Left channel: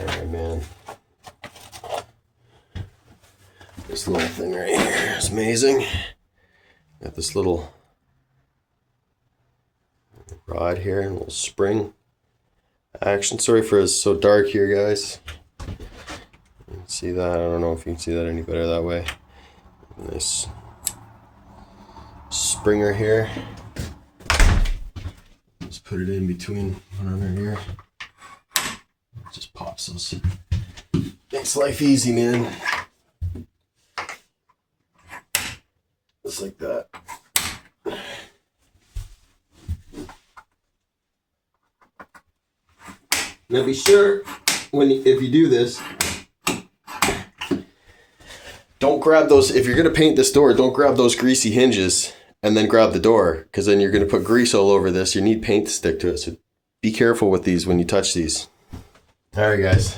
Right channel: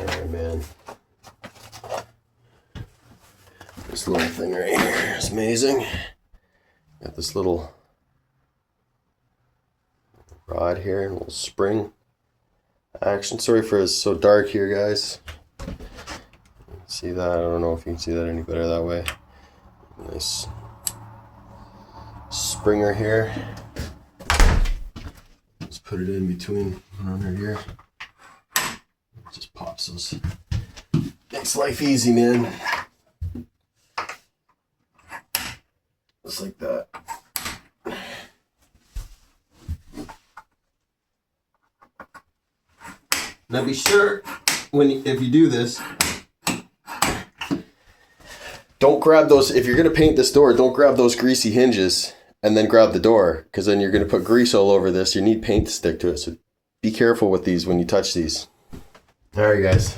Alright, man. This little thing right here is amazing. Got this little rod here, a little spring action. Sorry for it's so dark here, guys. See that? I don't know if you can see that any better that way. Nice springer here. Just put it in between one under here. Just pops those. Makes life easy, man. Just like that. Now be sure if you do this, don't grab those. If you're gonna paint this door, don't grab those greasy hinges and then grab the door, because then you're gonna put grease all over this. You need paint to stick to it, so be careful with these when you touch these. All right, guys.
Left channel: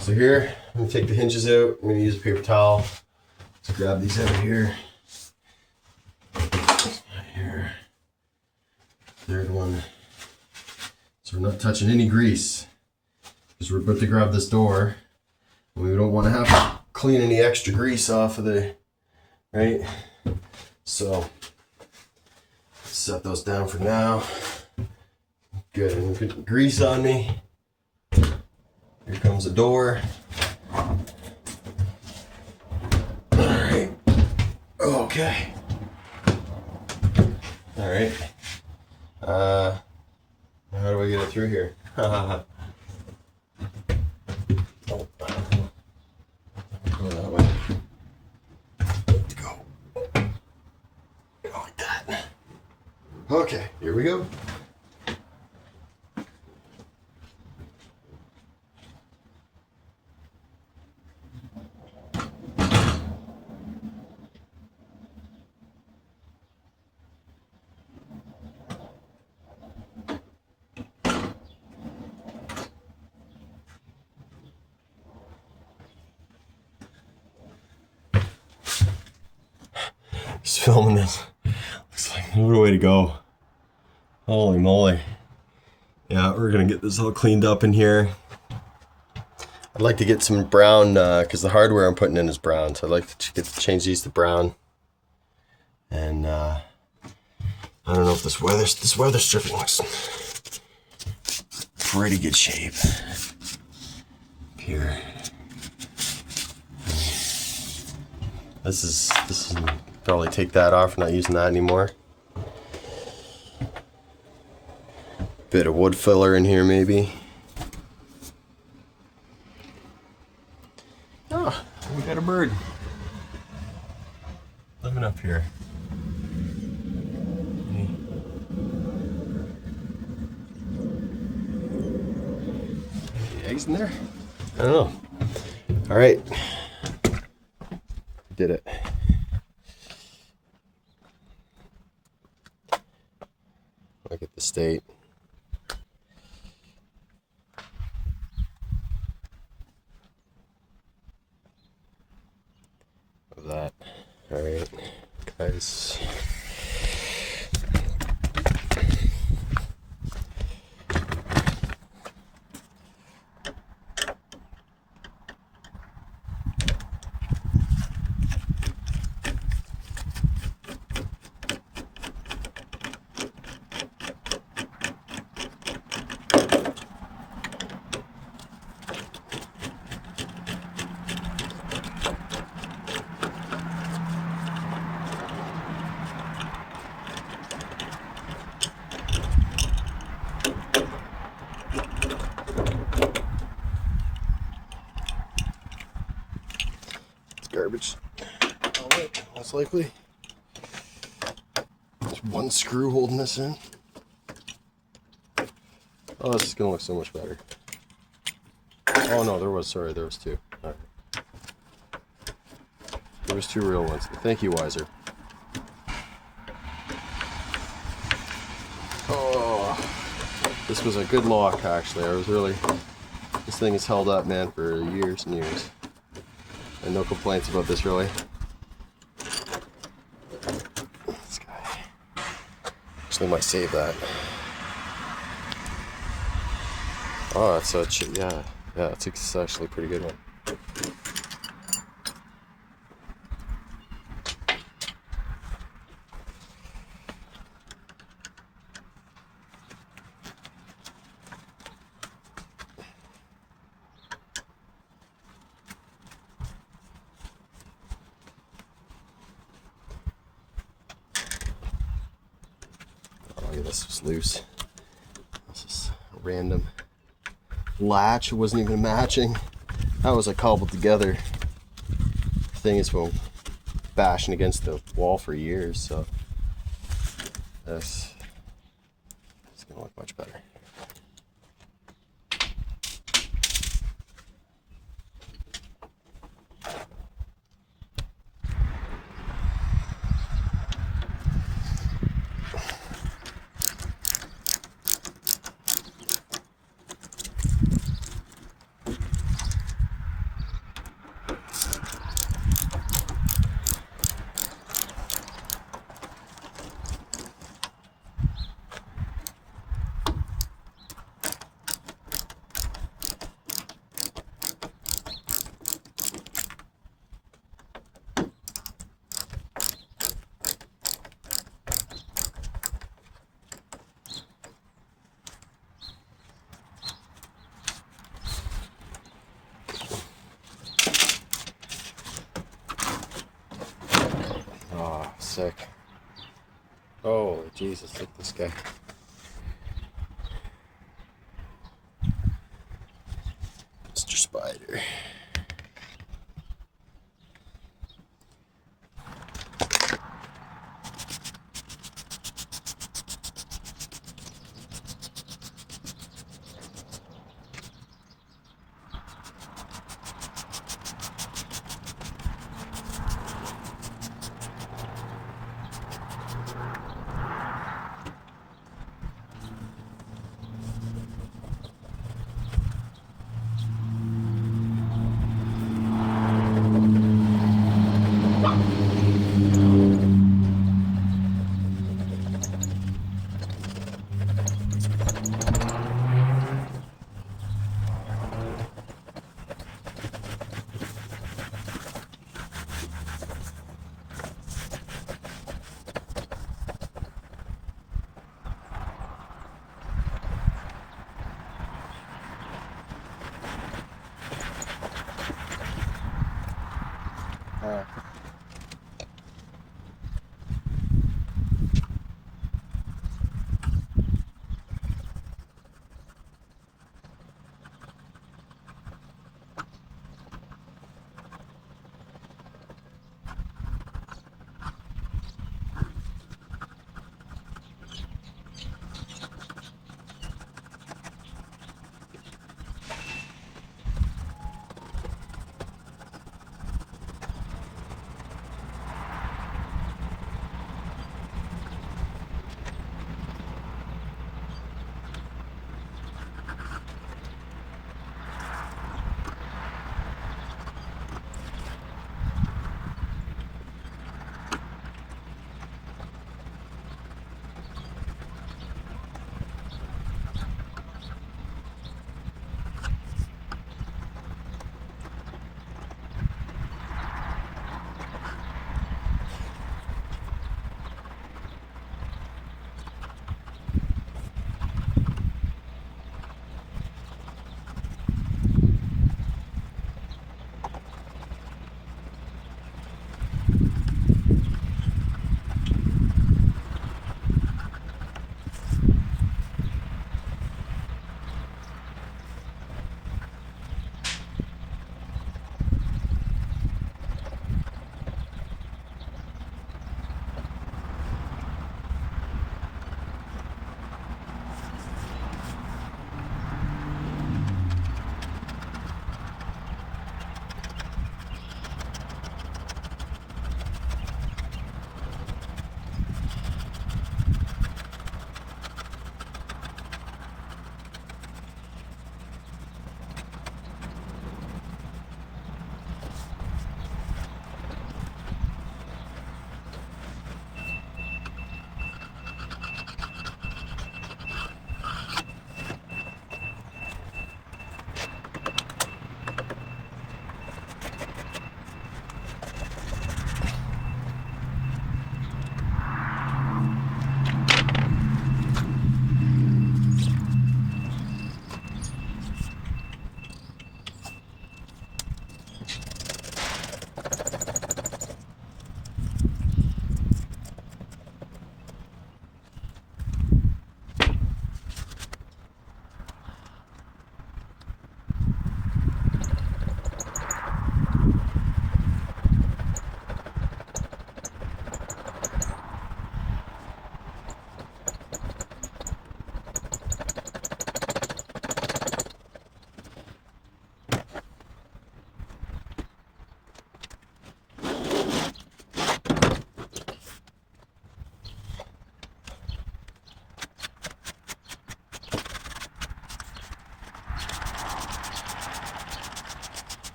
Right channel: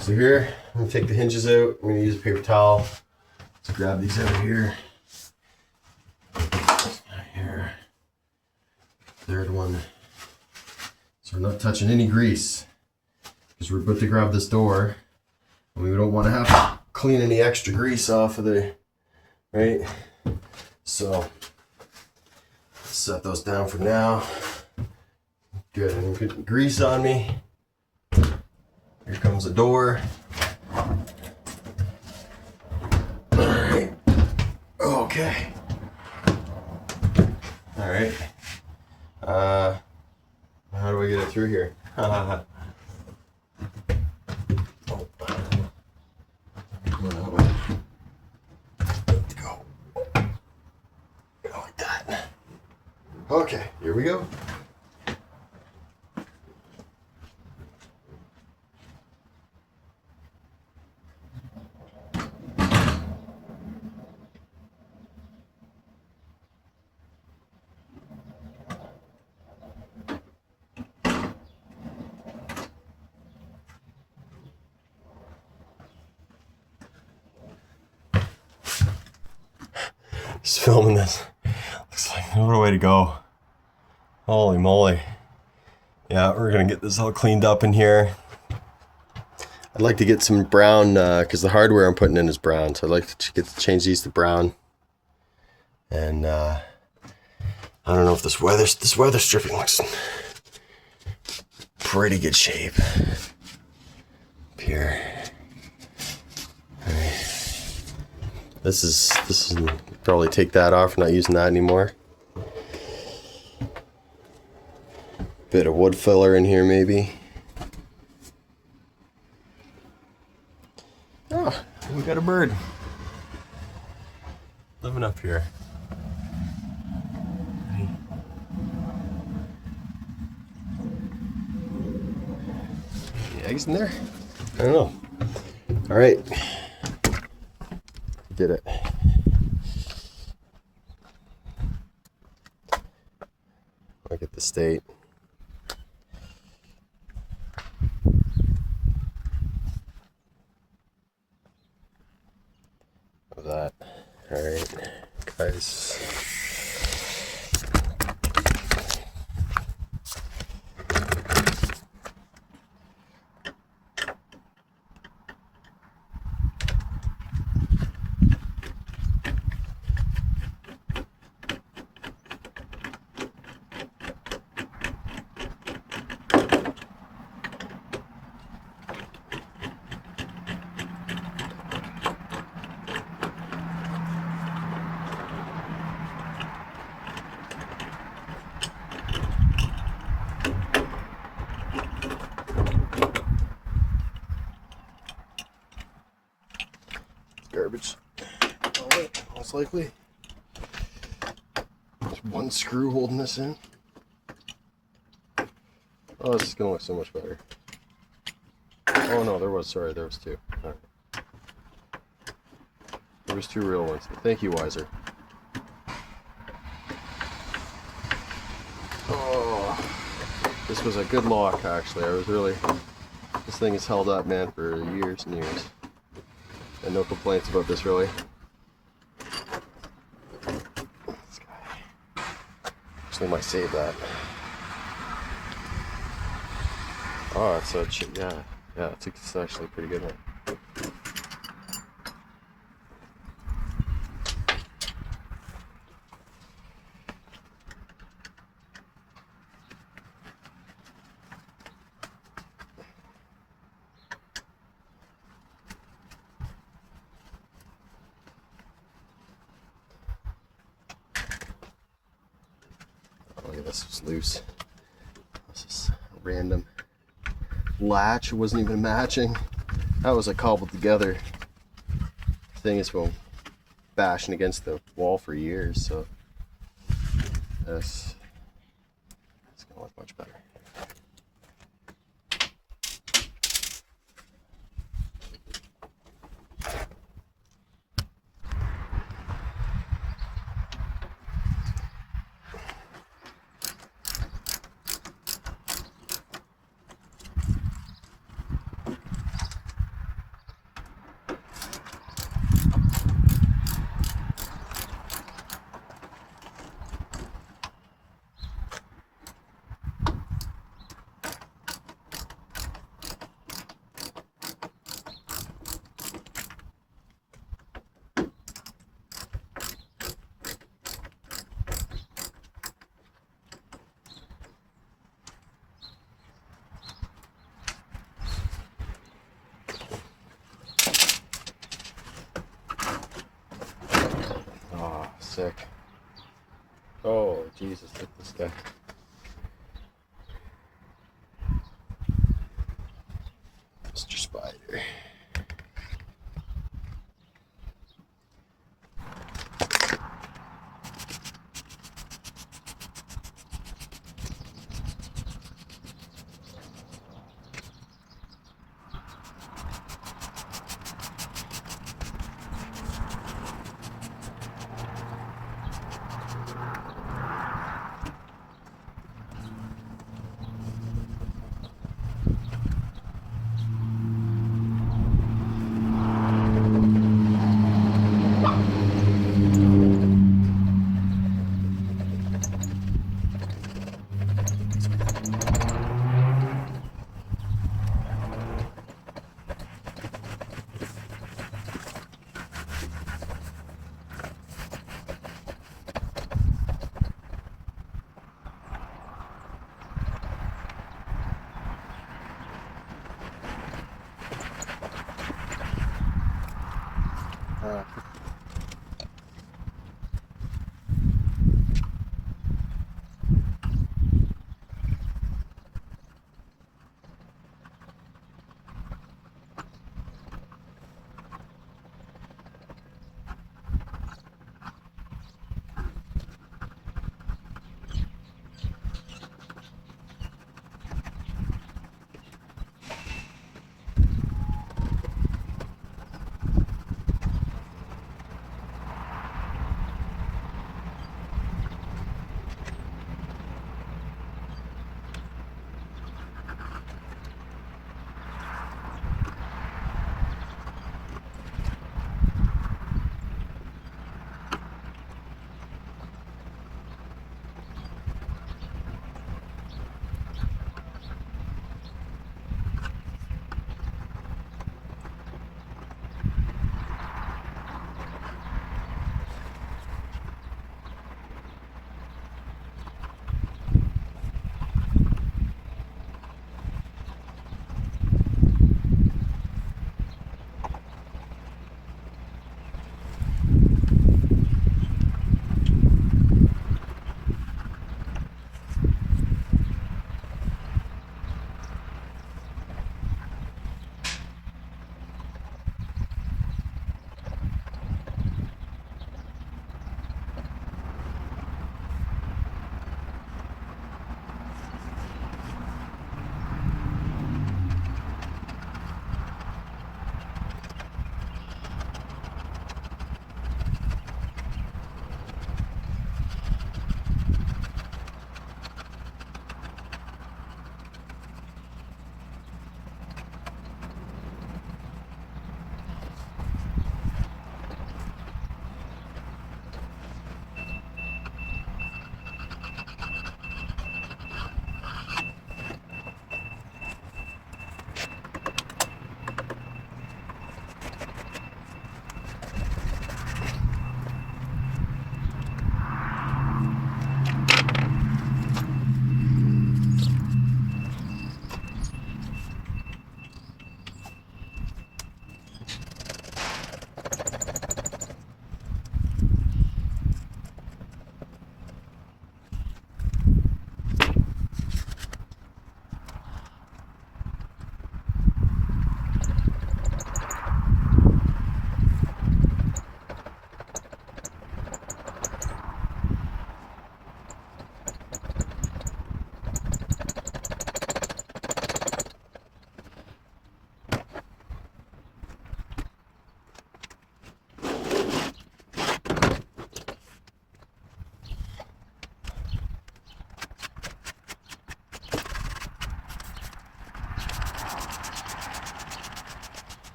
So here, I'm gonna take the hinges out. I'm gonna use a paper towel to grab these out of here. Here, third one. So we're not touching any grease because we're about to grab this door, and we don't want to have to clean any extra grease off of there, right? So set those down for now. Good. I'm gonna put the grease on me. Here comes the door. All right. Okay. All right. How do I get it through here? Oh. Go that way. Go. Go like that. Okay, here we go. Just filming this. Looks like what a way to go. Holy moly. Yeah, we're gonna get this all cleaned up in here. I'd like to get some brown, because the hardware I'm putting in is brown, so I'd like to change these to brown. And I don't know if this weather stripping looks pretty good shape. Up here. This is probably take that off, not using that anymore. Bit of wood filler in here maybe. Oh, we got a bird living up here. Any eggs in there? I don't know. All right, did it. Look at the state. Of that. All right, guys. Garbage. Alright, most likely. There's one screw holding this in. Oh, this is gonna look so much better. Oh no, there was two. Alright. There was two real ones. Thank you, Wiser. Oh, this was a good lock actually. This thing has held up, man, for years and years. And no complaints about this, really. This guy. Actually, might save that. Oh, so yeah. Yeah, it's actually a pretty good one. Look at this, it's loose. This is a random latch. It wasn't even matching. That was like cobbled together. The thing has been bashing against the wall for years, so this is gonna look much better. Sick. Oh, Jesus, look at this guy. Mr. Spider.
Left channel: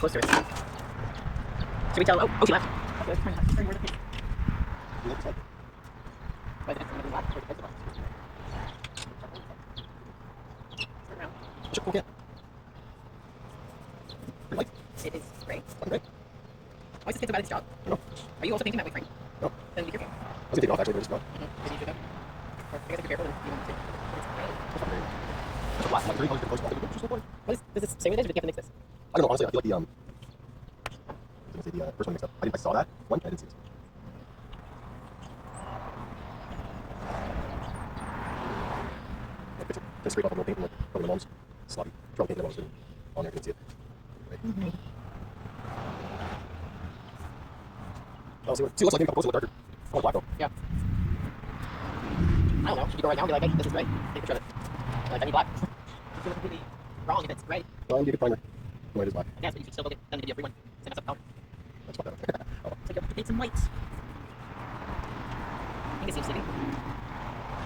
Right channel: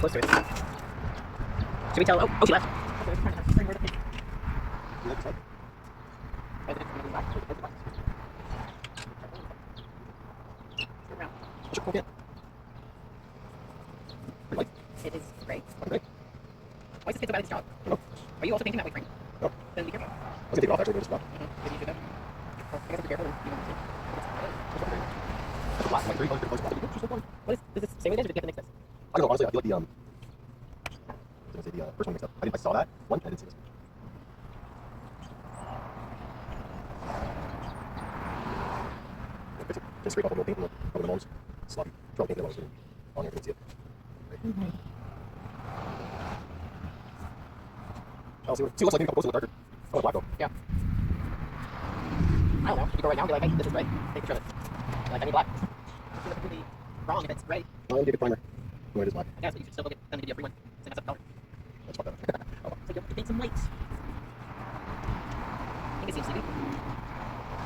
close to it. Should we tell? Oh, she left. Okay, let's try her to pick. Sure, okay. It is gray. Gray. Why is it about its job? No. Are you also thinking that way, Frank? No. Then be careful. I was gonna take it off actually, but it's not. Maybe you should go. I guess if you're careful, you can take Like 300 close off. What is, does this say what it is, or do you have to mix this? I don't know, honestly, I feel like the I was gonna say the first one mixed up. I saw that one, I didn't see this one. Just scrape off a little paint from over the molds. Sloppy. Try to paint that one too. On there, you can see it. Right. See, it looks like maybe a couple a little darker. I want black though. Yeah. I don't know. Should you go right now and be like, hey, this is right. Take a picture of it. Like, I need black. It's going to be wrong if it's right. Well, I'm gonna get a primer. No, it is black. Yeah, so you should still build it. Then give you a free one. Same as a color. That's not bad. So you have to paint some whites. You can see sleeping.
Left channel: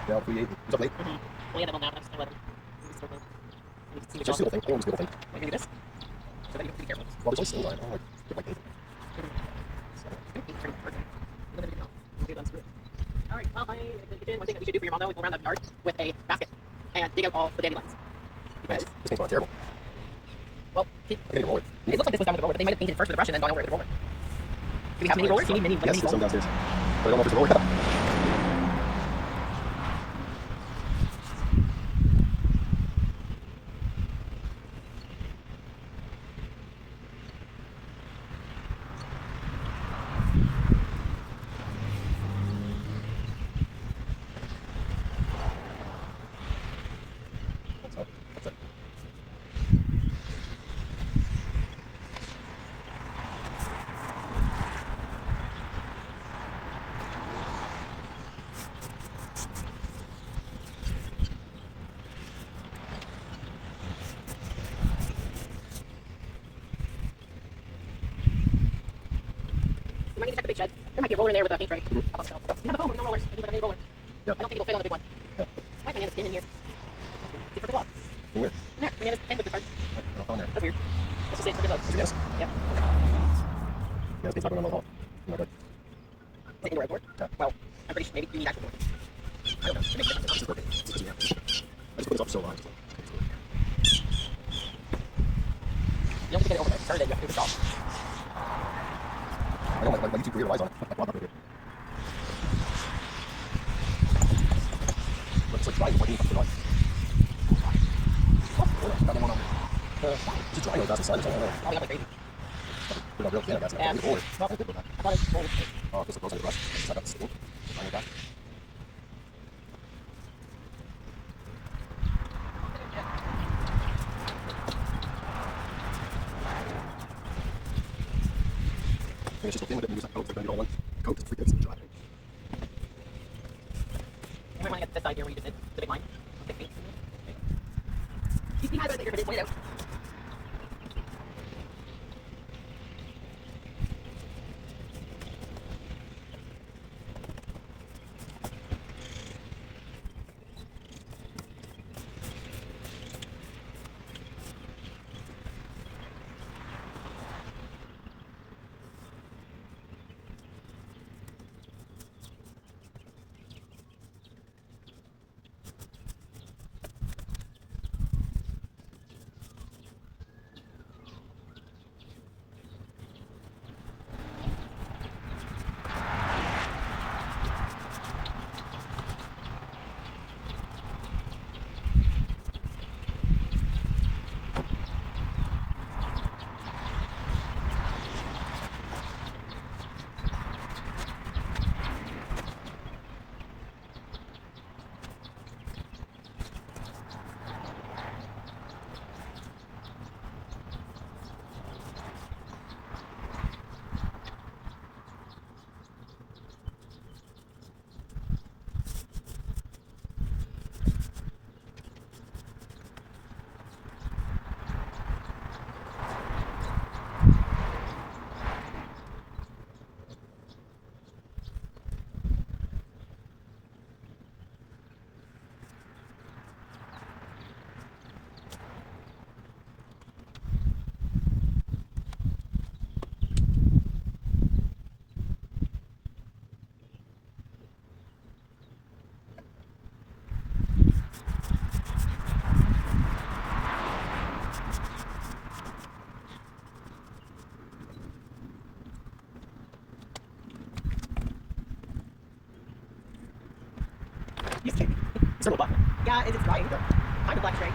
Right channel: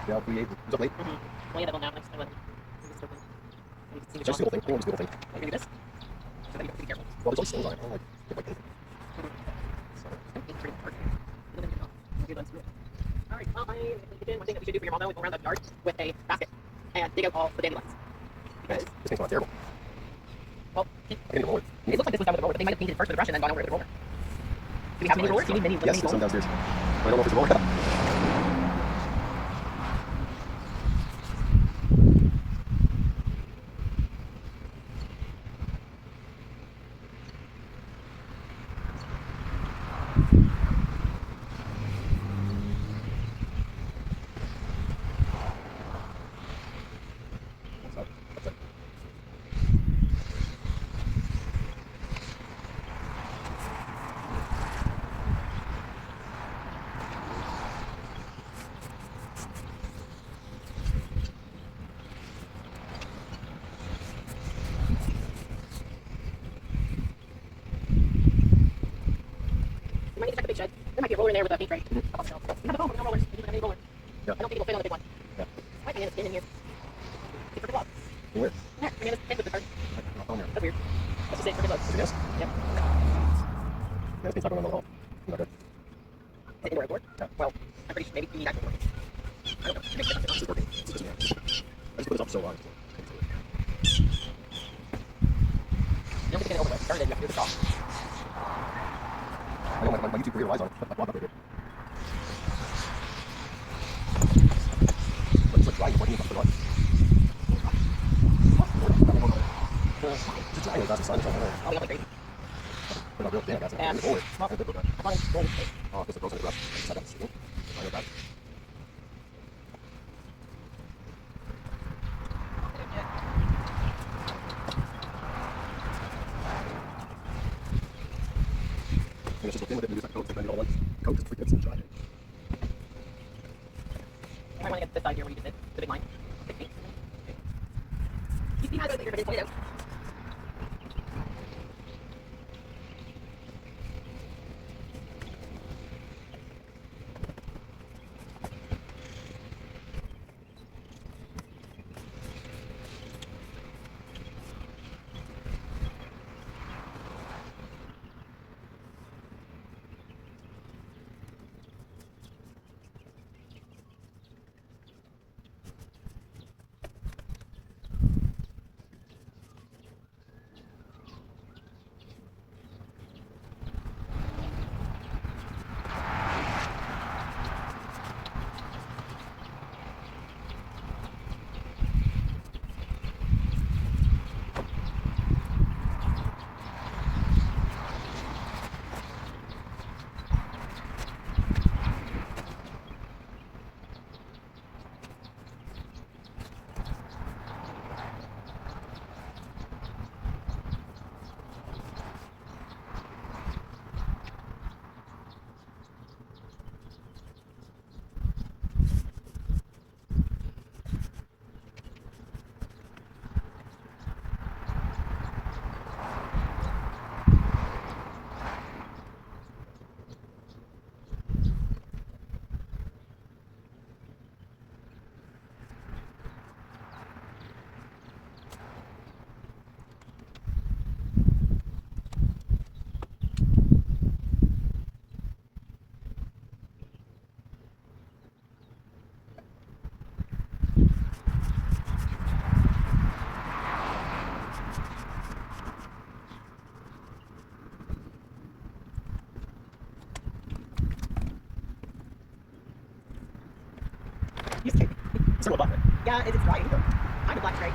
Yeah, 3-8. Is that late? Well, yeah, that will now. That's 11. It's just a little thing. I want to do a little thing. Like, maybe this. So then you have to be careful. Well, there's only stones on it. I don't like like anything. Alright, well, one thing that we should do for your mom though is go around the yard with a basket and dig out all the dandelions. Because this thing's not terrible. Well, I can't roll it. it looks like this was done with a roller, but they might have painted first with a brush and then gone over with a roller. Do you have mini rollers? You need mini. Yes, there's some downstairs. But I don't know if it's a roller. You might need to check the big shed. There might be a roller in there with a paint tray. You have a home with no rollers. You need a mini roller. Yep. I don't think it'll fit on the big one. Yeah. I think it's in here. It's for the wall. Where? There. I mean, it's in with the card. On there. That's weird. Let's just see. Look. Yes. Yeah. Yeah, this thing's not going on the wall. Not good. Is that indoor outdoor? Yeah. Well, I'm pretty sure maybe you need actual door. I don't know. Maybe it's It's just working. It's just, yeah. I just put this up so long. You don't get to over there. Sorry, they have to do the job. I don't like YouTube career lies on it. Put my blog up here. It's like drying working for life. Just drying like that's the sun. I'll be on my baby. They're not real thin, I guess. Yeah. It's old. Well, I thought it's rolled. Oh, just those are the brush. I got the stick. And it's just a thing with it and use that coat. Like when you don't want coat, it's freaking it's dry. You might want to get this side here where you just did the big line. Big paint. You see how those are going to point out? Similar black. Yeah, it's bright. Yeah. I'm a black straight.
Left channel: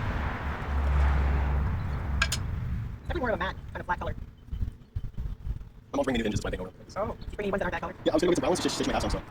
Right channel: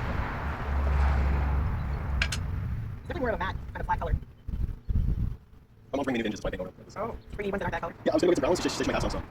Definitely more of a matte kind of black color. I'm not bringing anything just by thing around. Oh, pretty ones that aren't that color. Yeah, I was gonna go get some browns, just may have some. So.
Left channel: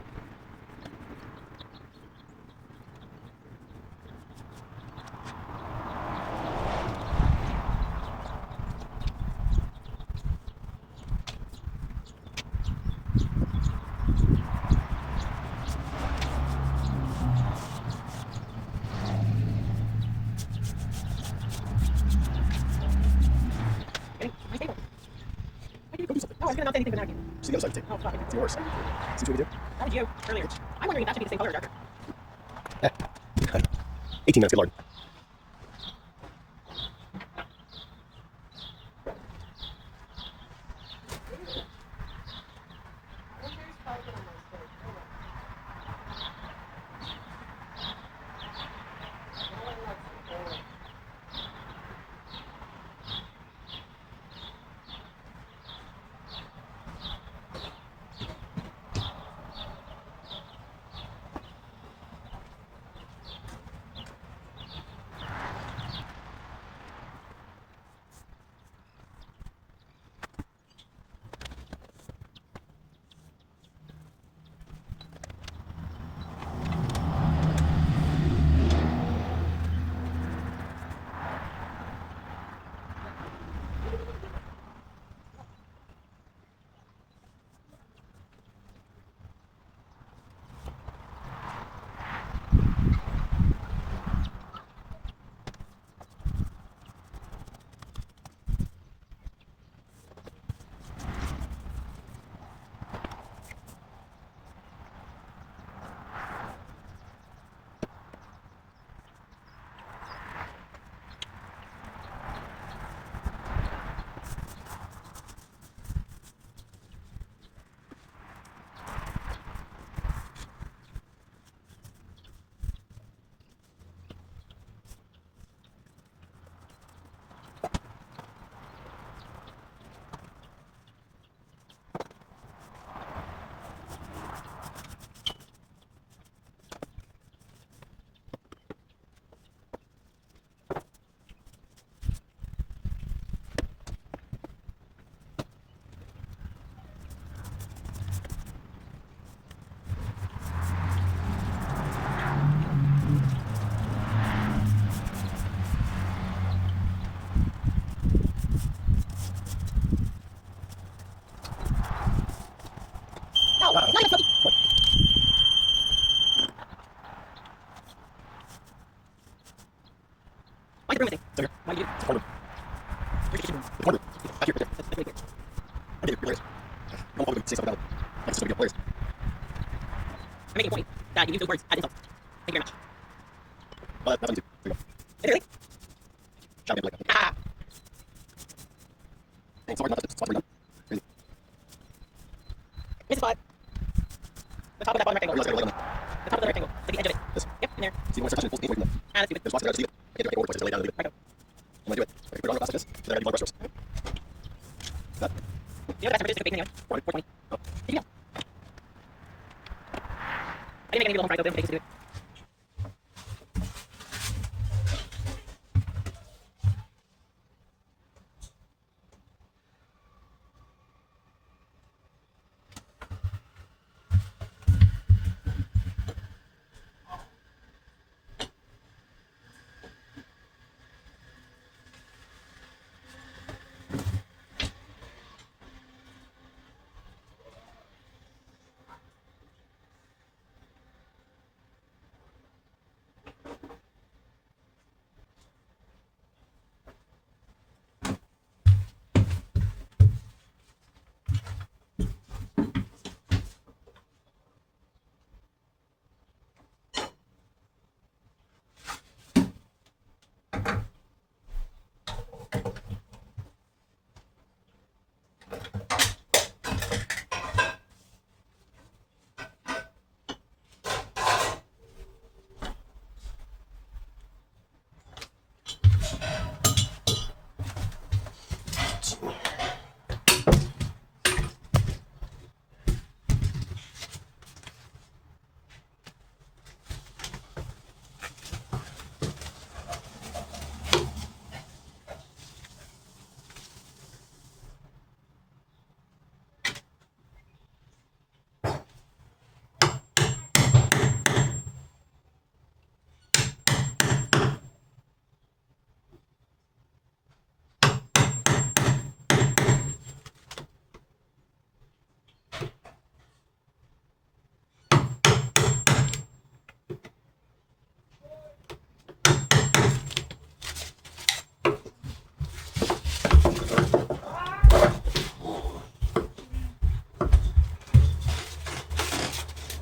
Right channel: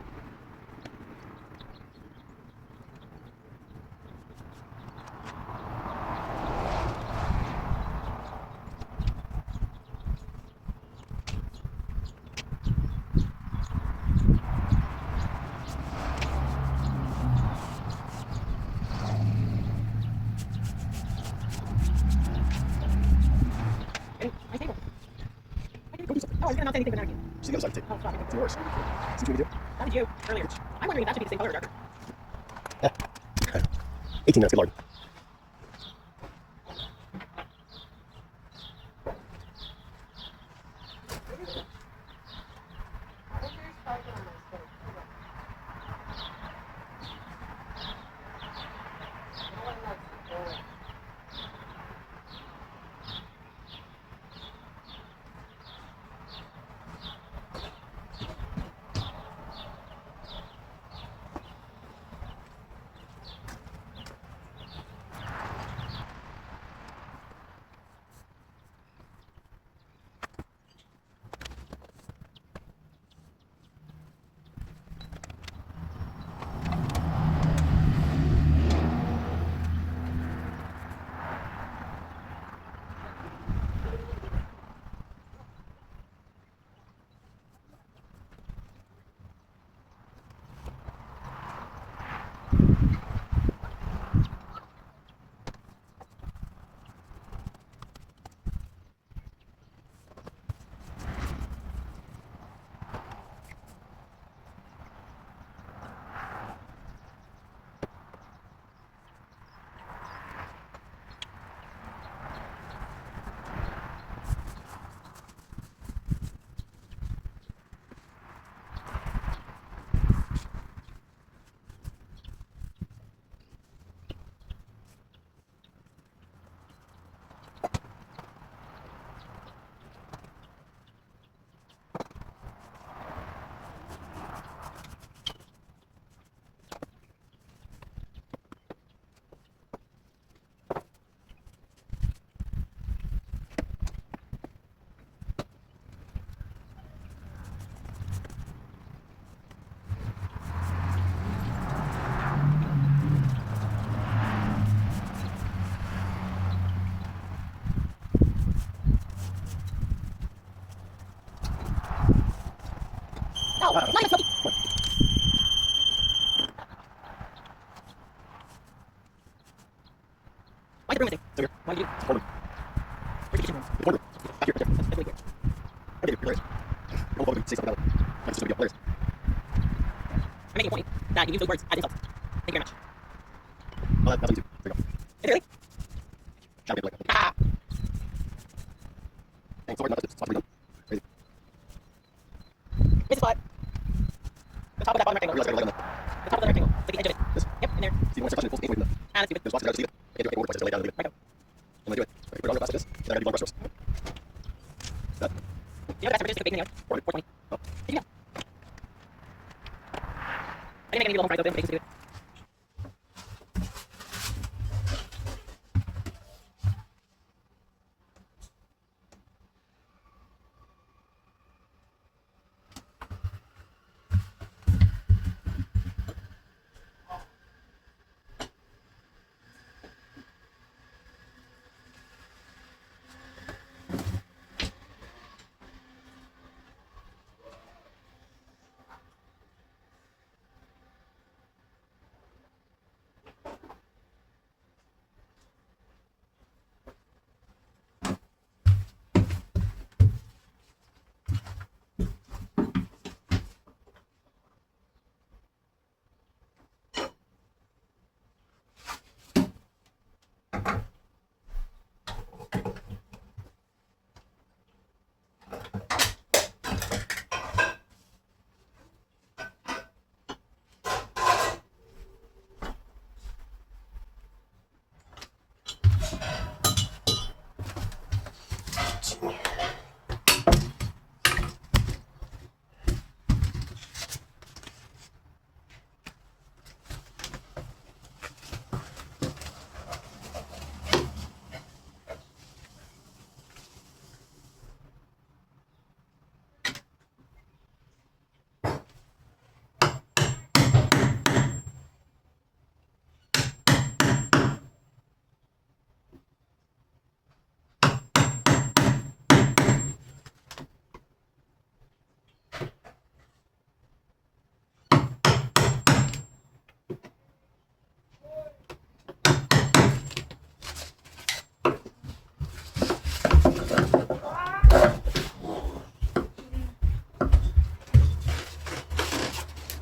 Okay, my favorite. Oh, I was gonna not say anything, but now I can. See the other side of the tape. Oh, fuck. It's even worse. See what we do? How did you earlier? I'm wondering if that should be the same color or darker. 18 minutes, good lord. No, it's not even smoky. Why'd you bring it? So here. Why did you? It's part of Where'd you get the part of back here. it? That's really clear. I think you're players. Don't hold it, say something about it. Like this would be players. I'm making a point that you use those words as insults. Thank you very much. That's easy. There you go. Is it really? Shout like that. Ah! Hey, sorry, not just sorry, not. Crazy. Hit the spot. The top of that bottom rectangle. Yeah, let's go like that. The top of the rectangle. Like the edge of it. This. Yep, in there. See, when I start touching, it's supposed to be 8 points. Ah, that's stupid. There's lots of guys who see it. Can't do 8 more points. Just lay down and leave it. Right. I'm gonna do it. I can put it on the glass like this. Then I gotta do 5 brush strokes. That. You know what that's for? Just baking anyway. 420. Oh. Did you go? I didn't make any little home fries out there. Baking stupid.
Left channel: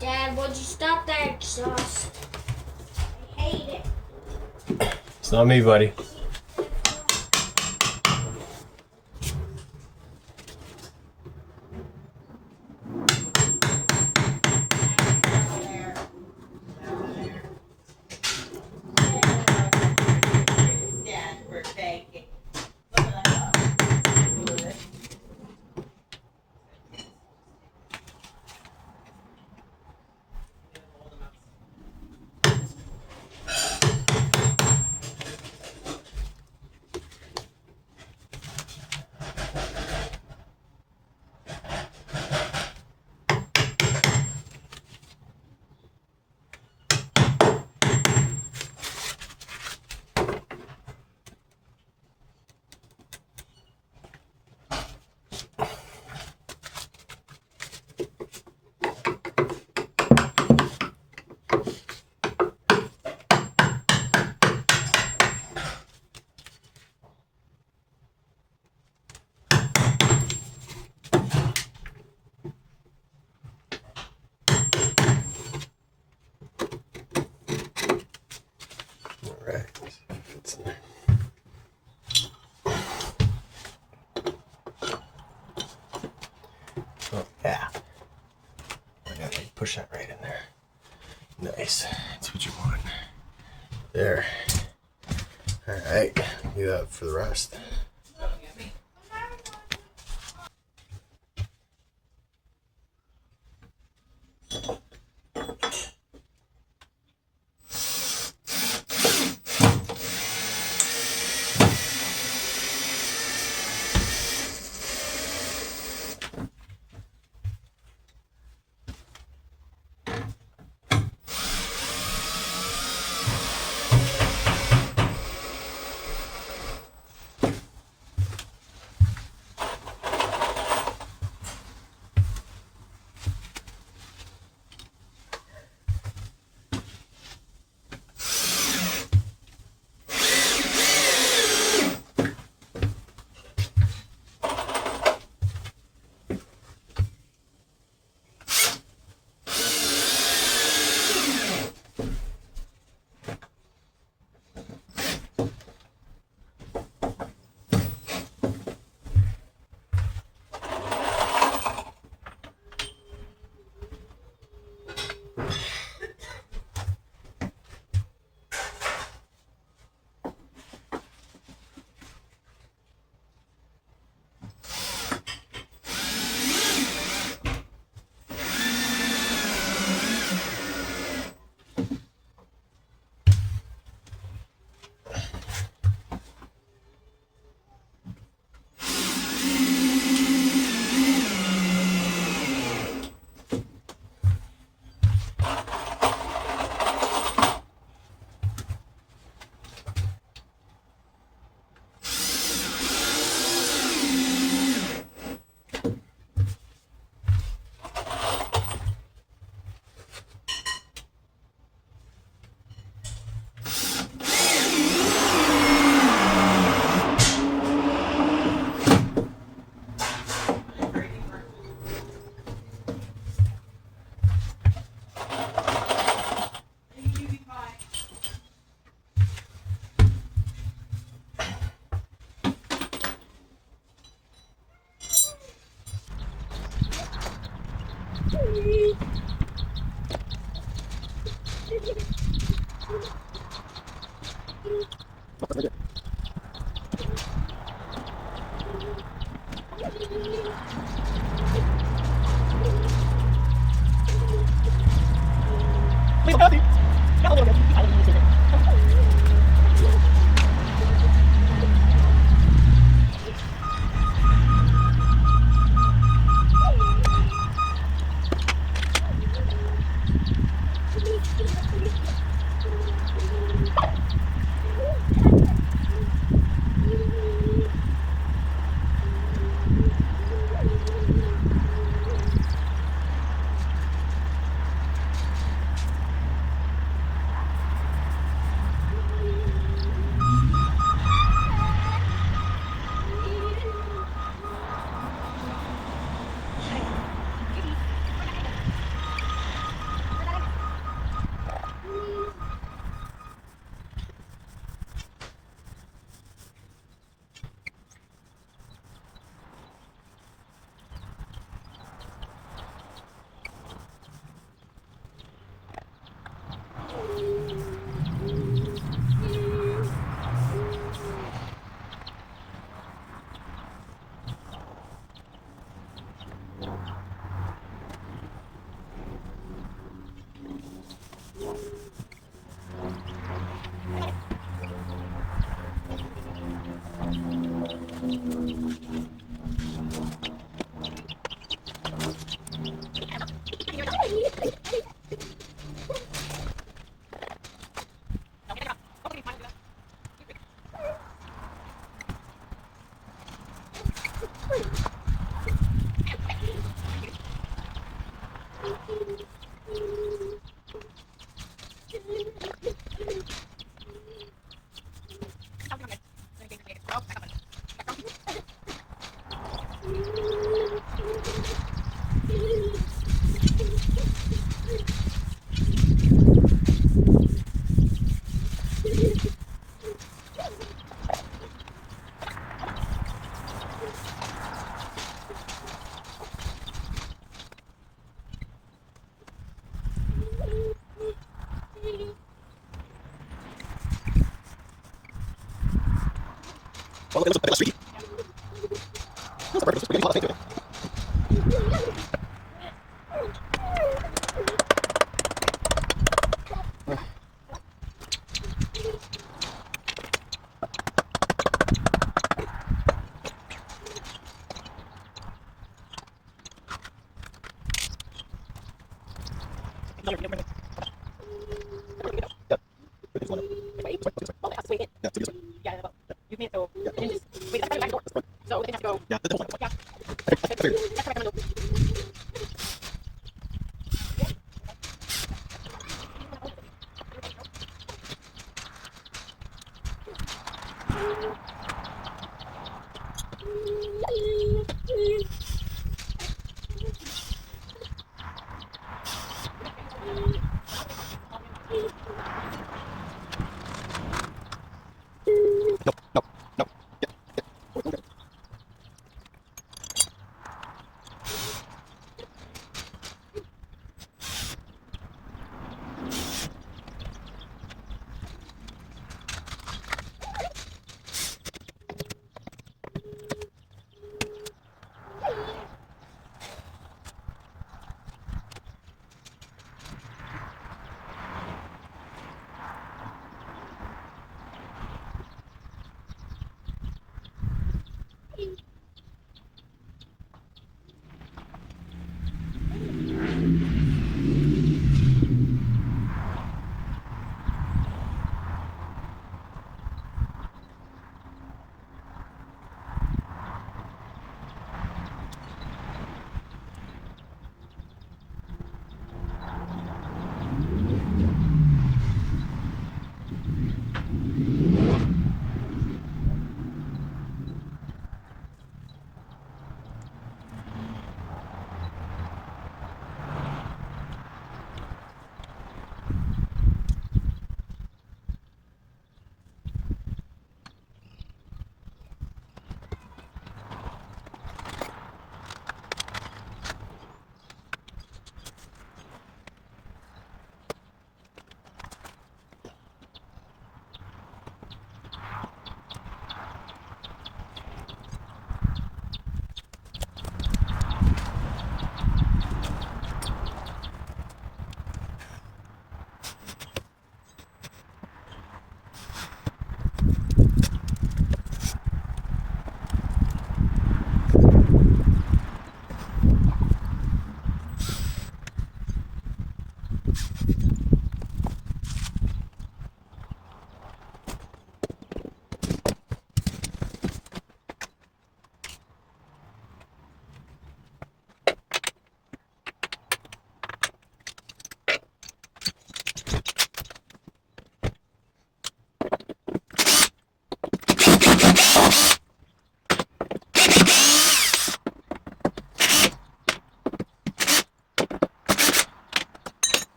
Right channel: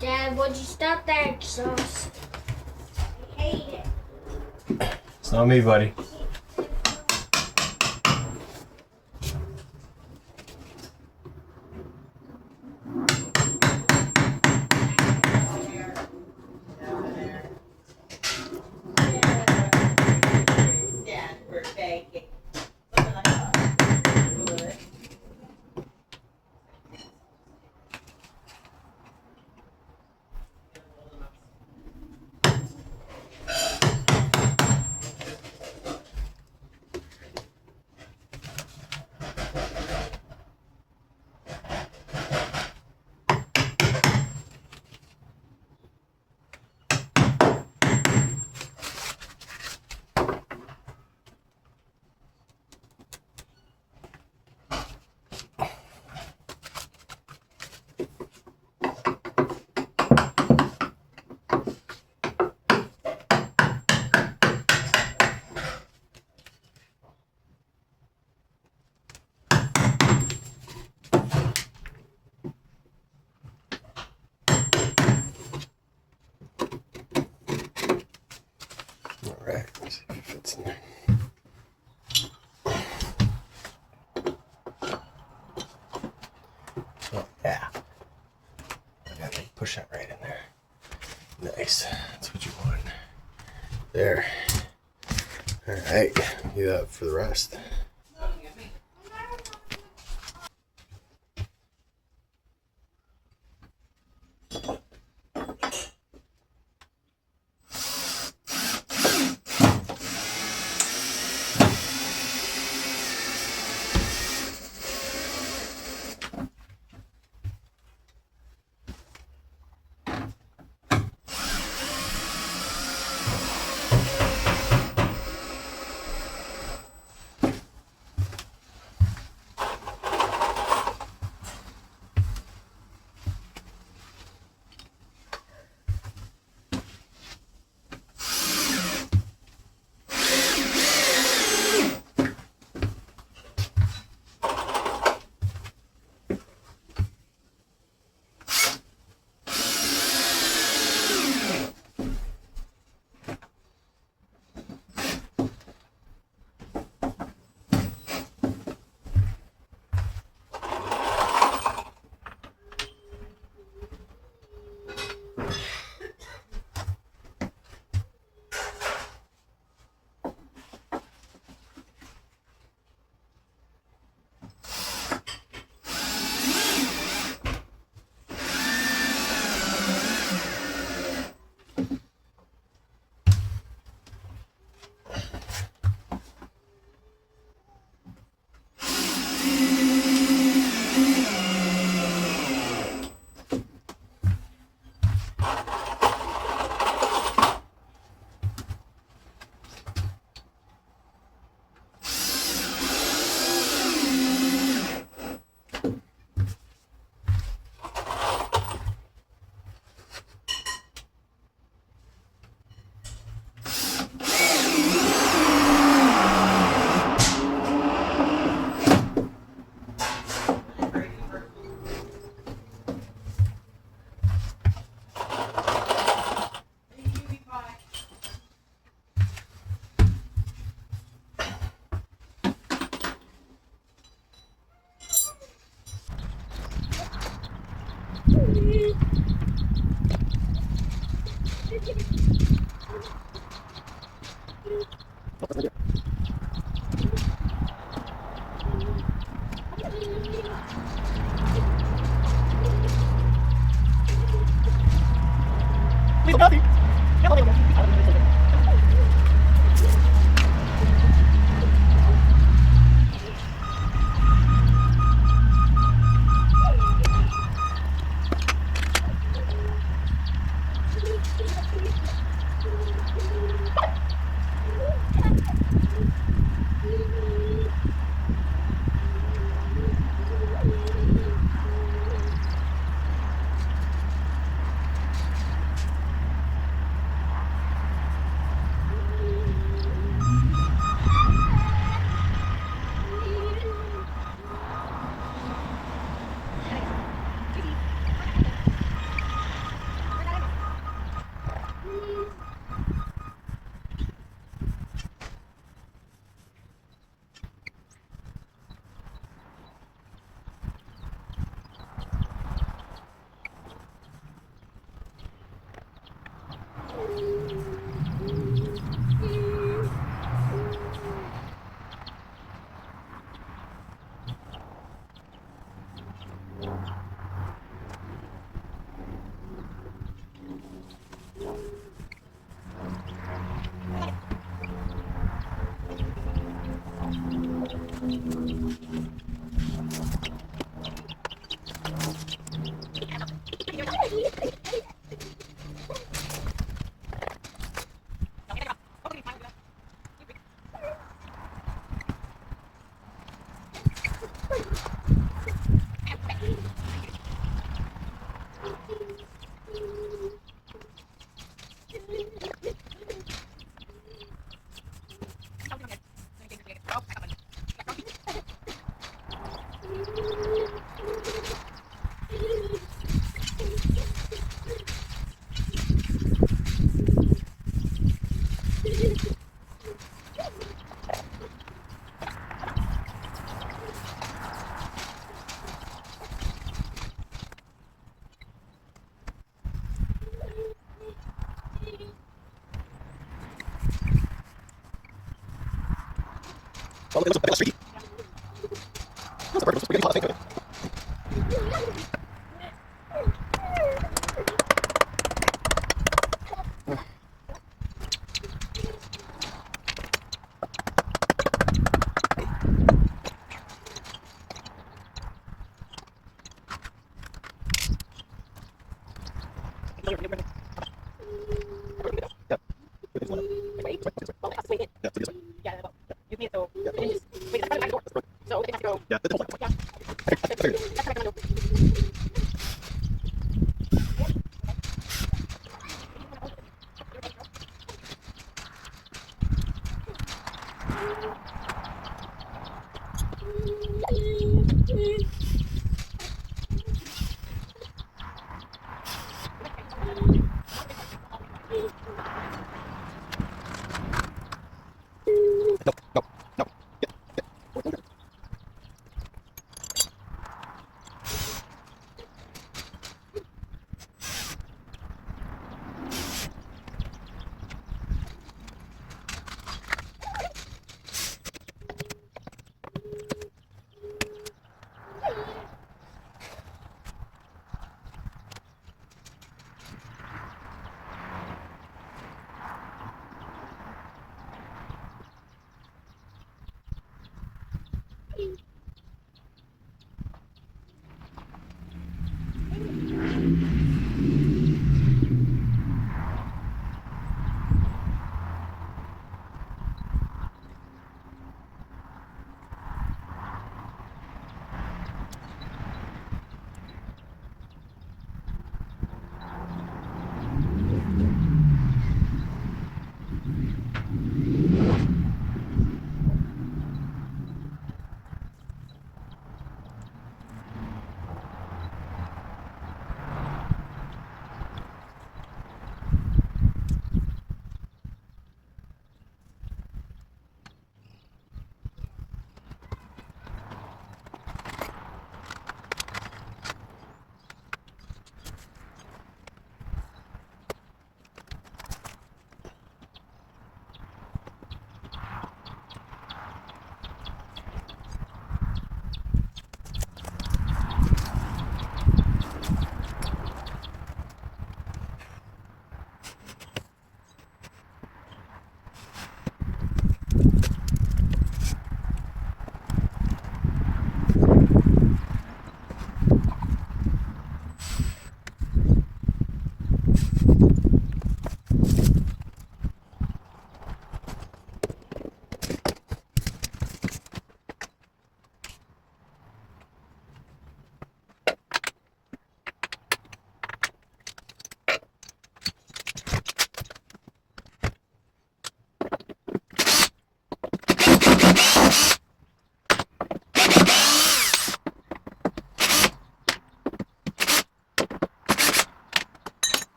Dad, would you stop that exhaust? I hate it. It's not me, buddy. Alright, let's see if it fits in there. Oh, yeah. I got to push that right in there. Nice. That's what you want. There. Alright, do that for the rest.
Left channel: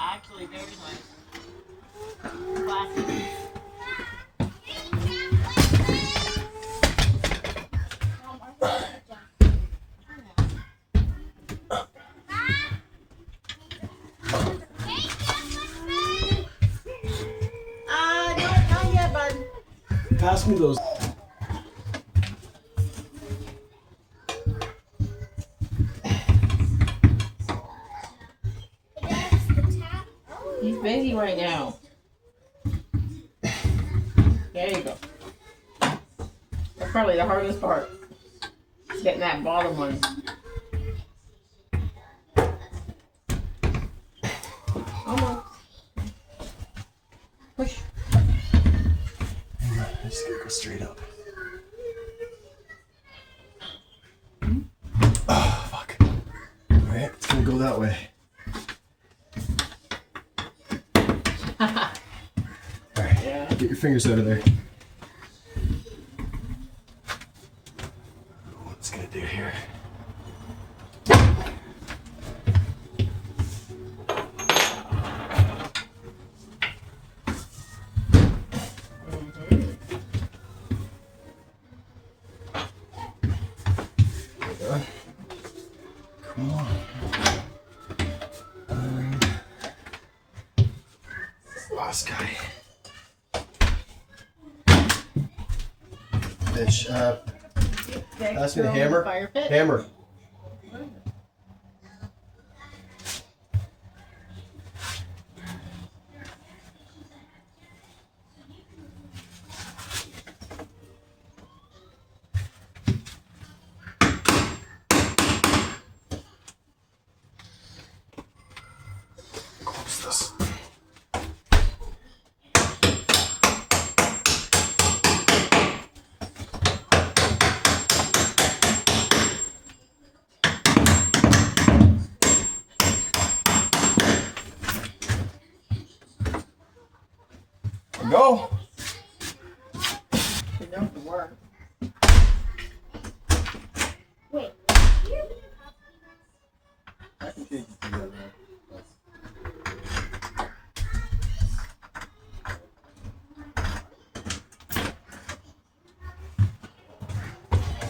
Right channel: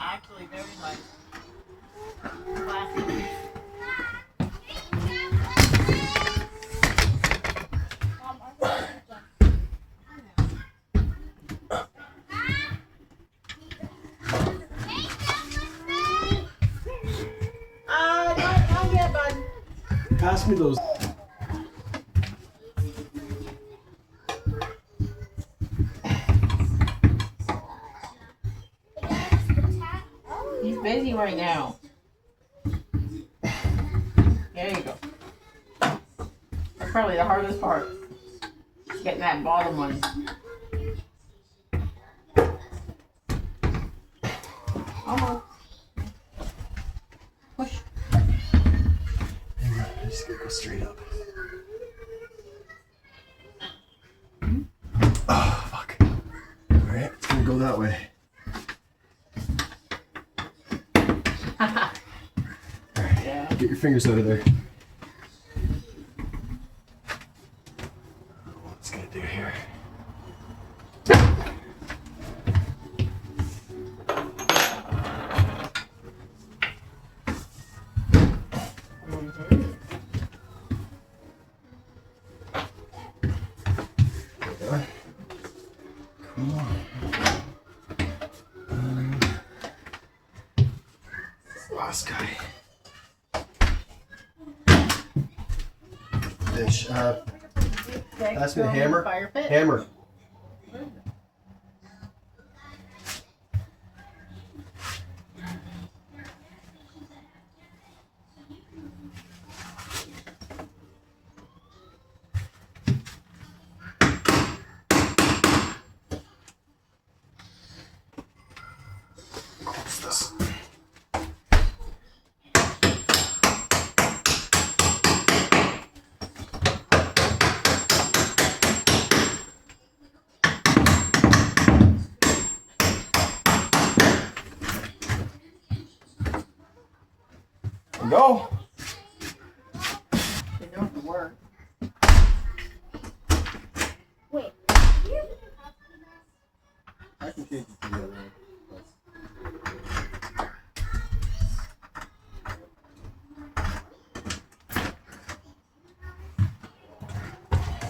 Actually, very much. Classic. Not yet, bud. Pass me those. He's busy right now. There you go. That's probably the hardest part. Is getting that bottom one. Almost. Push. Hang on, I just gotta go straight up. Oh, fuck. Alright, it's gonna go that way. Alright, Yeah. get your fingers out of there. What's gonna do here? Come on. Last guy. Bitch, pass me the hammer. Fire pit. Hammer. Close this. Go. It don't work. Wait. I can take it together.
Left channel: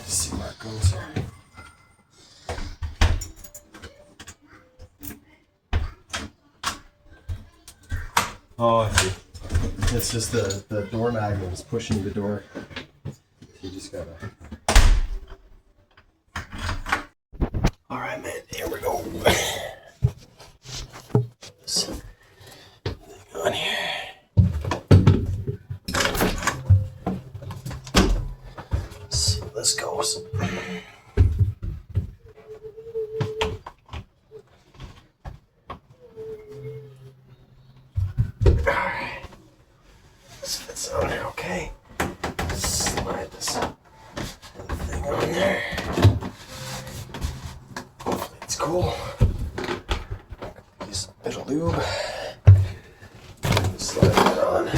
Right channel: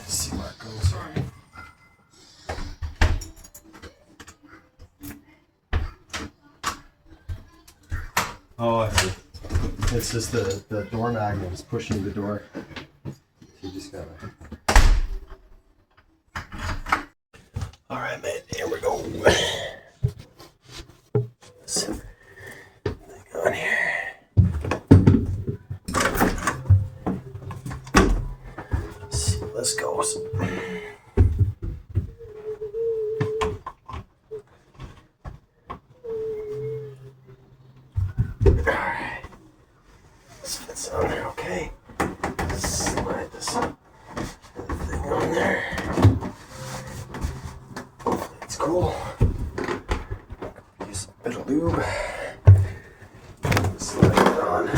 See where it goes. Oh, I see. It's just the door magnet is pushing the door. You just gotta. All right, man. Here we go. Thing on here. Let's see how this goes. Alright. This fits on there, okay. Slide this thing on there. Hopefully it's cool. Use a bit of lube. Slide it on.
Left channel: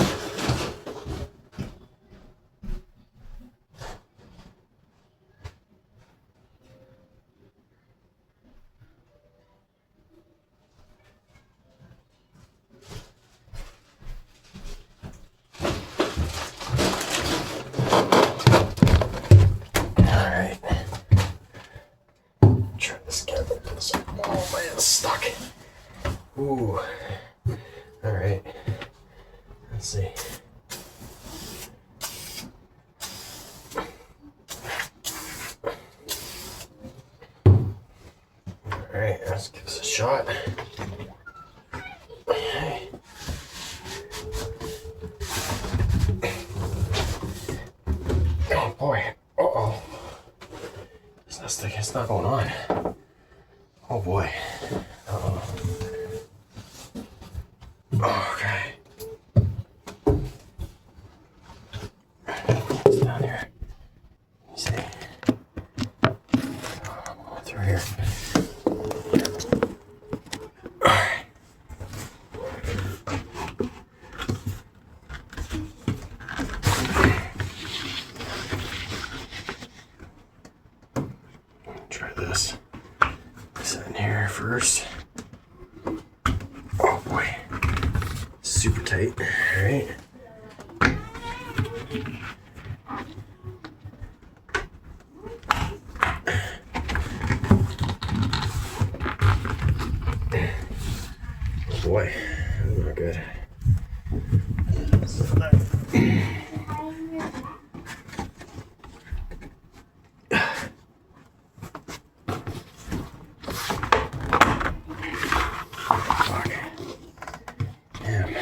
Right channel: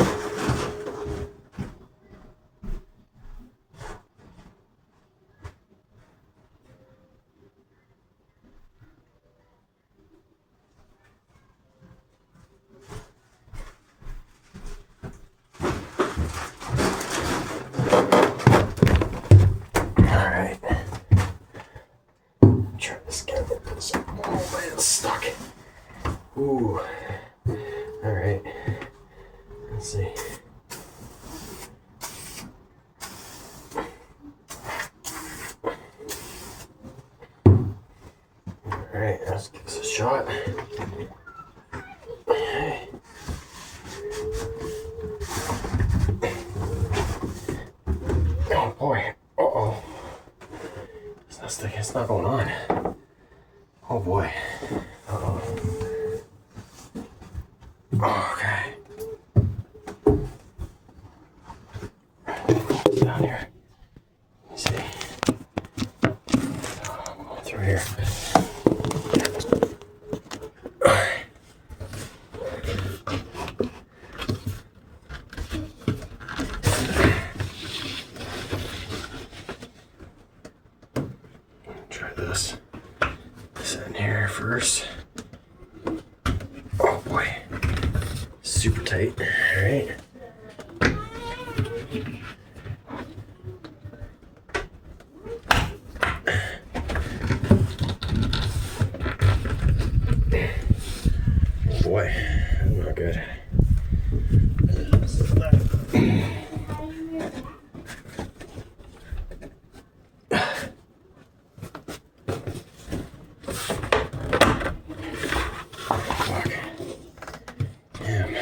Alright. Try this again. Oh man, it's stuck. Ooh. All right. Let's see. All right, let's give this a shot. Okay. Oh boy. Uh-oh. It's not going on. Oh boy. Uh-oh. Okay. It's down here. Let me see. I'm going through here. Alright. Try this. This in here first. Oh boy. Super tight. Alright. Oh boy, not good. Fuck. Damn.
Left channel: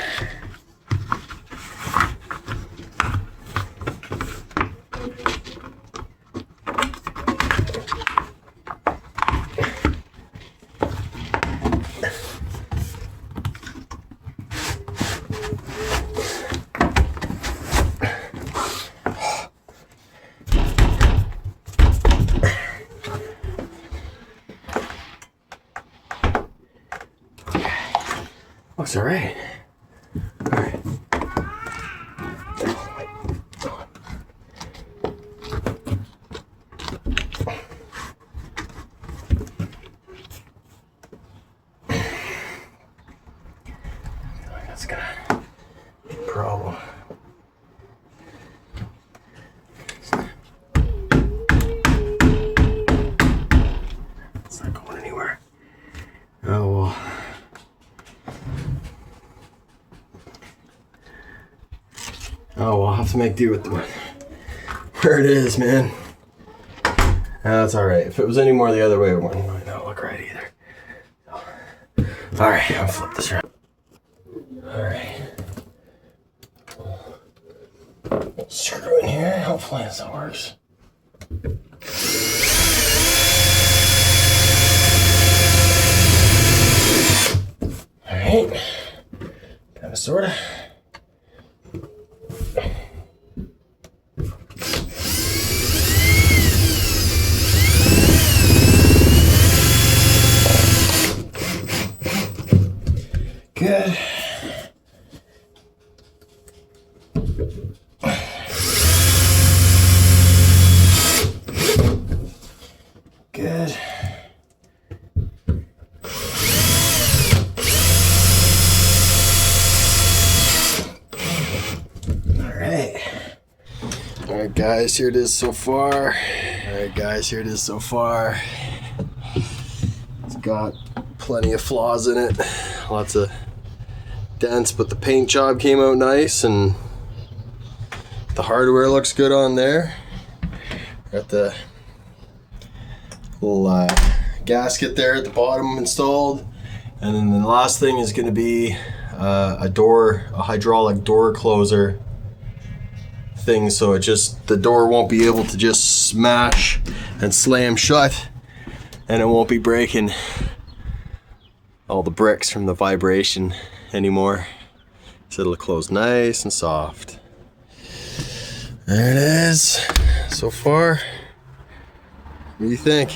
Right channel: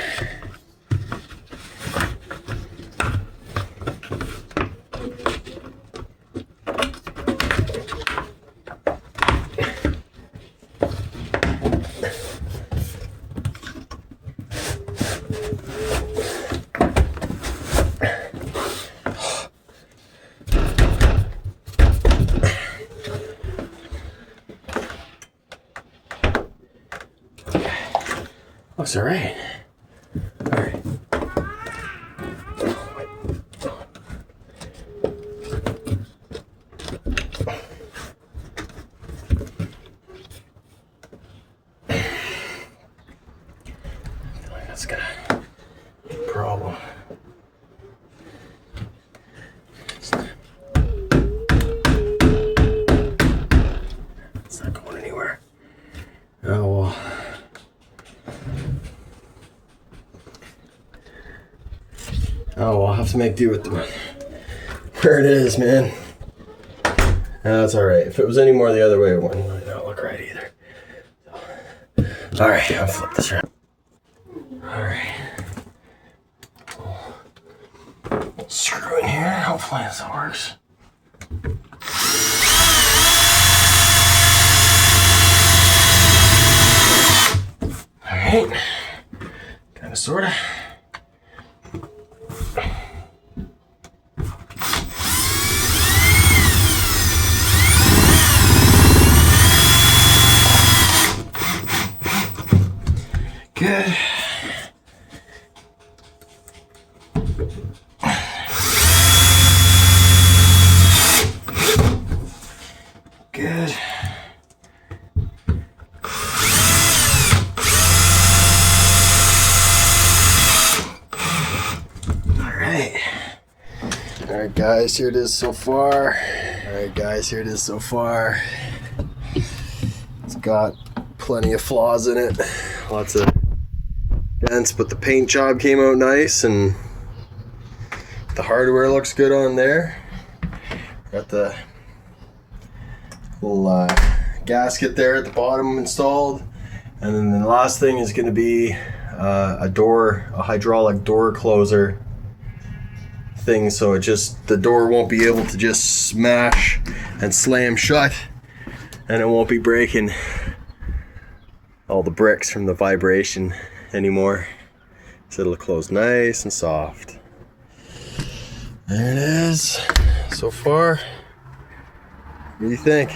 Looks all right. All right. Oh my God. That's gonna be a problem. It's not going anywhere. Oh well. Oh, we'll have to make do with the one. Where it is, man. That's all right. If it was any more the other way, it wouldn't not look right either. So. All right, I'll flip this around. All right. Screw in here. Hopefully this works. All right. Kind of, sorta. Good. Good. All right. All right, guys, here it is so far. All right, guys, here it is so far. It's got plenty of flaws in it. Lots of dents, but the paint job came out nice and the hardware looks good on there. Got the little gasket there at the bottom installed, and then the last thing is going to be a hydraulic door closer thing, so the door won't be able to just smash and slam shut, and it won't be breaking all the bricks from the vibration anymore, so it'll close nice and soft. There it is so far. What do you think?